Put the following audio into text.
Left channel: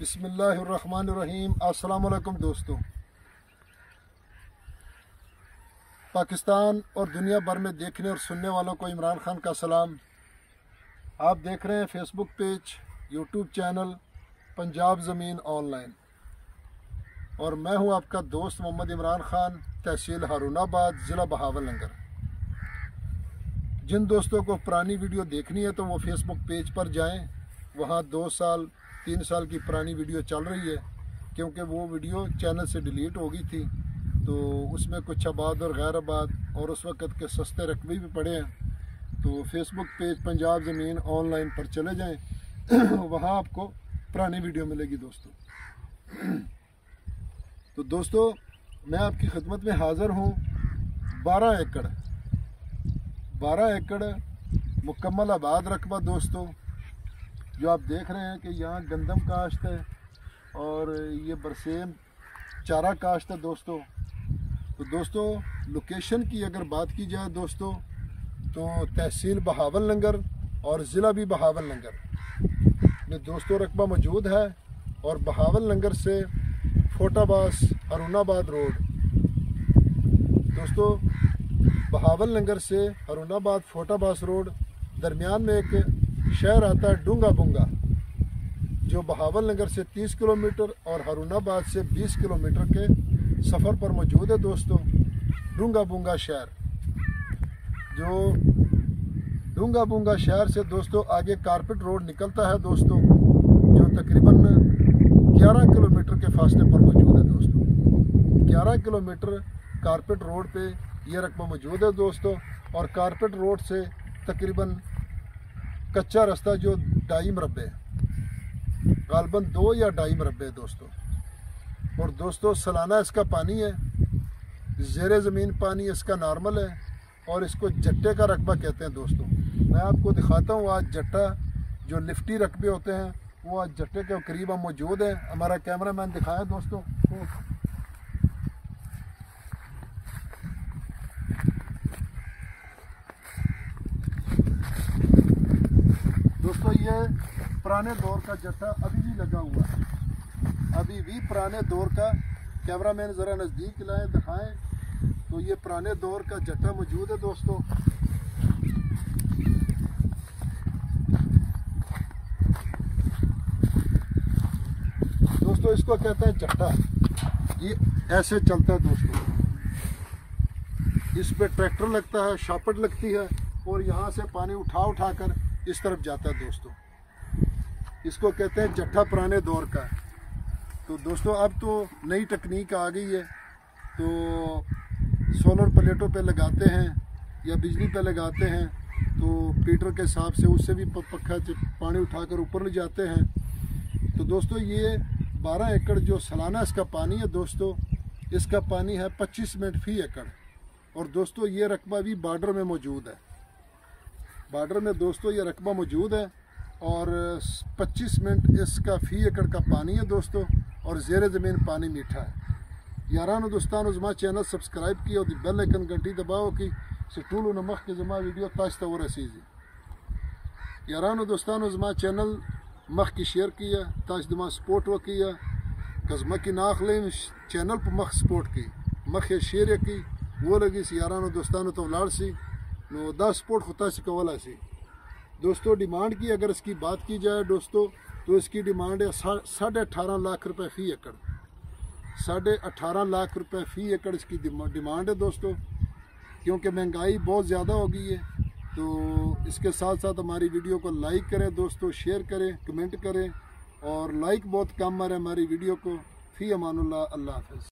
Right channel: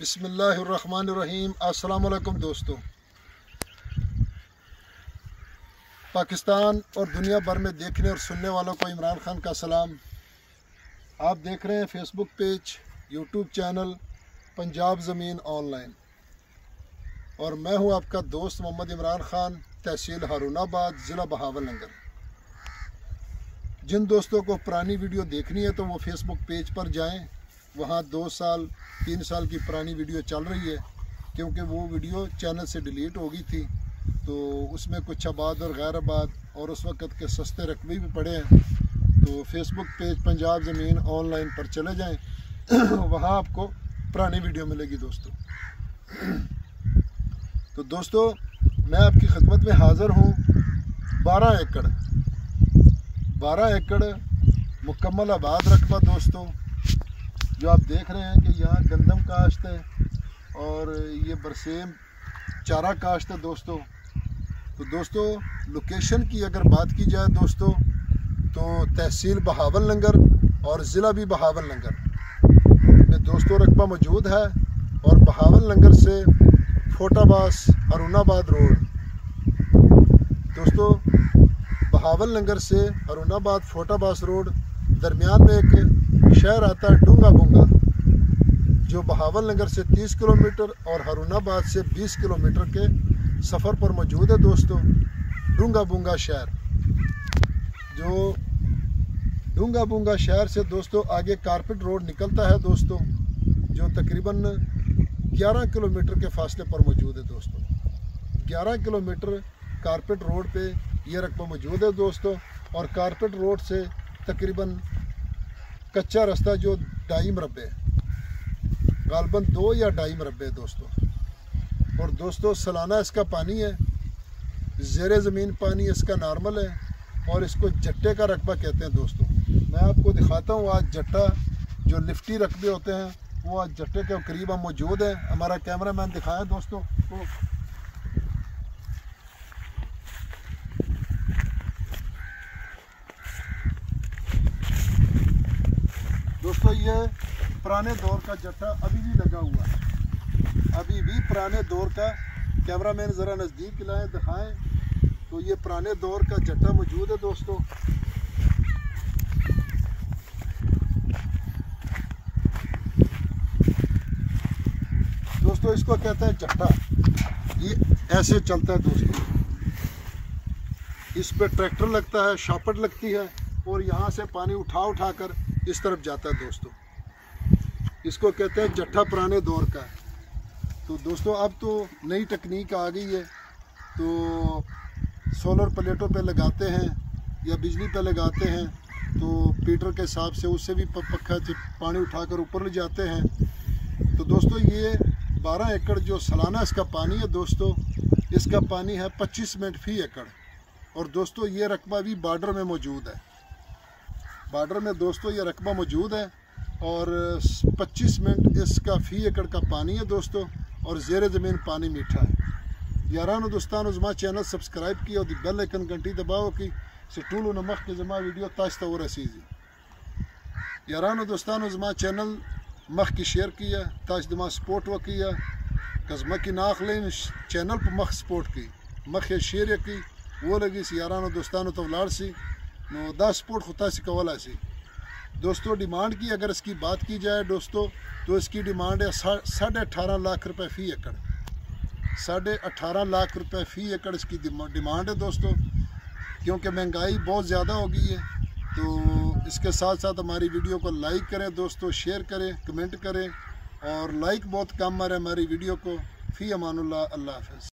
बिस्मिल्लाहिर्रहमानिर्रहीम। अस्सलाम वालेकुम दोस्तों। पाकिस्तान और दुनिया भर में देखने और सुनने वालों को इमरान खान का सलाम। आप देख रहे हैं Facebook page, YouTube channel Punjab ज़मीन ऑनलाइन, और मैं हूं आपका दोस्त मोहम्मद इमरान खान, तहसील हारूनाबाद, ज़िला बहावलनगर। जिन दोस्तों को पुरानी वीडियो देखनी है तो वो फेसबुक पेज पर जाएं। वहाँ 2 साल 3 साल की पुरानी वीडियो चल रही है, क्योंकि वो वीडियो चैनल से डिलीट हो गई थी, तो उसमें कुछ आबाद और गैर आबाद और उस वक़्त के सस्ते रकबे भी पड़े हैं। तो फेसबुक पेज पंजाब ज़मीन ऑनलाइन पर चले जाएं, वहाँ आपको पुरानी वीडियो मिलेगी दोस्तों। तो दोस्तों, मैं आपकी खिदमत में हाज़िर हूँ। 12 एकड़ मुकम्मल आबाद रकबा दोस्तों, जो आप देख रहे हैं कि यहाँ गंदम काश्त है और ये बरसेम चारा काश्त है दोस्तों। तो दोस्तों, लोकेशन की अगर बात की जाए दोस्तों, तो तहसील बहावलनगर और ज़िला भी बहावलनगर में दोस्तों रकबा मौजूद है। और बहावलनगर से फोटाबास हारूनाबाद रोड दोस्तों, बहावलनगर से हारूनाबाद फोटाबास रोड दरमियान में एक शहर आता है डूंगा बुंगा, जो बहावलनगर से 30 किलोमीटर और हारूनाबाद से 20 किलोमीटर के सफ़र पर मौजूद है दोस्तों। डूंगा बुंगा शहर, जो डूंगा बुंगा शहर से दोस्तों आगे कारपेट रोड निकलता है दोस्तों, जो तकरीबन 11 किलोमीटर के फासले पर मौजूद है दोस्तों। 11 किलोमीटर कारपेट रोड पे ये रकबा मौजूद है दोस्तों। और कारपेट रोड से तकरीबन कच्चा रास्ता जो 2.5 मरबे, गालबन 2 या 2.5 मरबे दोस्तों। और दोस्तों, सालाना इसका पानी है, ज़ेरे ज़मीन पानी इसका नॉर्मल है, और इसको जट्टे का रकबा कहते हैं दोस्तों। मैं आपको दिखाता हूँ आज जट्टा, जो लिफ्टी रकबे होते हैं, वो आज जट्टे के करीब हम मौजूद हैं। हमारा कैमरा मैन दिखाया दोस्तों तो दोस्तों, ये पुराने दौर का जट्टा अभी भी लगा हुआ है, अभी भी पुराने दौर का। कैमरा मैन ज़रा नज़दीक लाएं, दिखाएं, तो ये पुराने दौर का जट्टा मौजूद है दोस्तों। दोस्तों, इसको कहते हैं जट्टा। ये ऐसे चलता है दोस्तों, इस पे ट्रैक्टर लगता है, शापट लगती है, और यहाँ से पानी उठा कर इस तरफ जाता है दोस्तों। इसको कहते हैं जट्टा, पुराने दौर का। तो दोस्तों, अब तो नई तकनीक आ गई है, तो सोलर प्लेटों पे लगाते हैं या बिजली पे लगाते हैं, तो पीटर के हिसाब से उससे भी पक्का पानी उठाकर ऊपर ले जाते हैं। तो दोस्तों, ये 12 एकड़ जो सालाना इसका पानी है दोस्तों, इसका पानी है 25 मिनट फी एकड़। और दोस्तों, ये रकबा भी बॉर्डर में मौजूद है, बॉर्डर में दोस्तों ये रकबा मौजूद है। और 25 मिनट इसका फ़ी एकड़ का पानी है दोस्तों, और ज़ेरे ज़मीन पानी मीठा है। यारानो दोस्तानो, ज़मा चैनल सब्सक्राइब किया और बेल आइकन घंटी दबाओ कि सिटूल नमक के ज़मा वीडियो ताश्ता हो रसीज़ी। यारानो दोस्तानो, ज़मा चैनल मख की शेयर किया ताश दमा सपोर्ट वो किया, कज़मा की नाख लें चैनल पर मख सपोर्ट की, मख शेयर की वो लगी सी। यारानो दोस्तानो तो लाड़ सी नो 10 सपोर्ट खुदा सी कवला सी दोस्तों। डिमांड की अगर इसकी बात की जाए दोस्तों, तो इसकी डिमांड है 18.5 लाख रुपए फ़ी एकड़। 18.5 लाख रुपए फ़ी एकड़ इसकी डिमांड है दोस्तों, क्योंकि महंगाई बहुत ज़्यादा हो गई है। तो इसके साथ साथ हमारी वीडियो को लाइक करें दोस्तों, शेयर करें, कमेंट करें, और लाइक बहुत कम आ रहा है हमारी वीडियो को। फ़ी अमानुल्लाह, अल्लाह हाफ़िज़।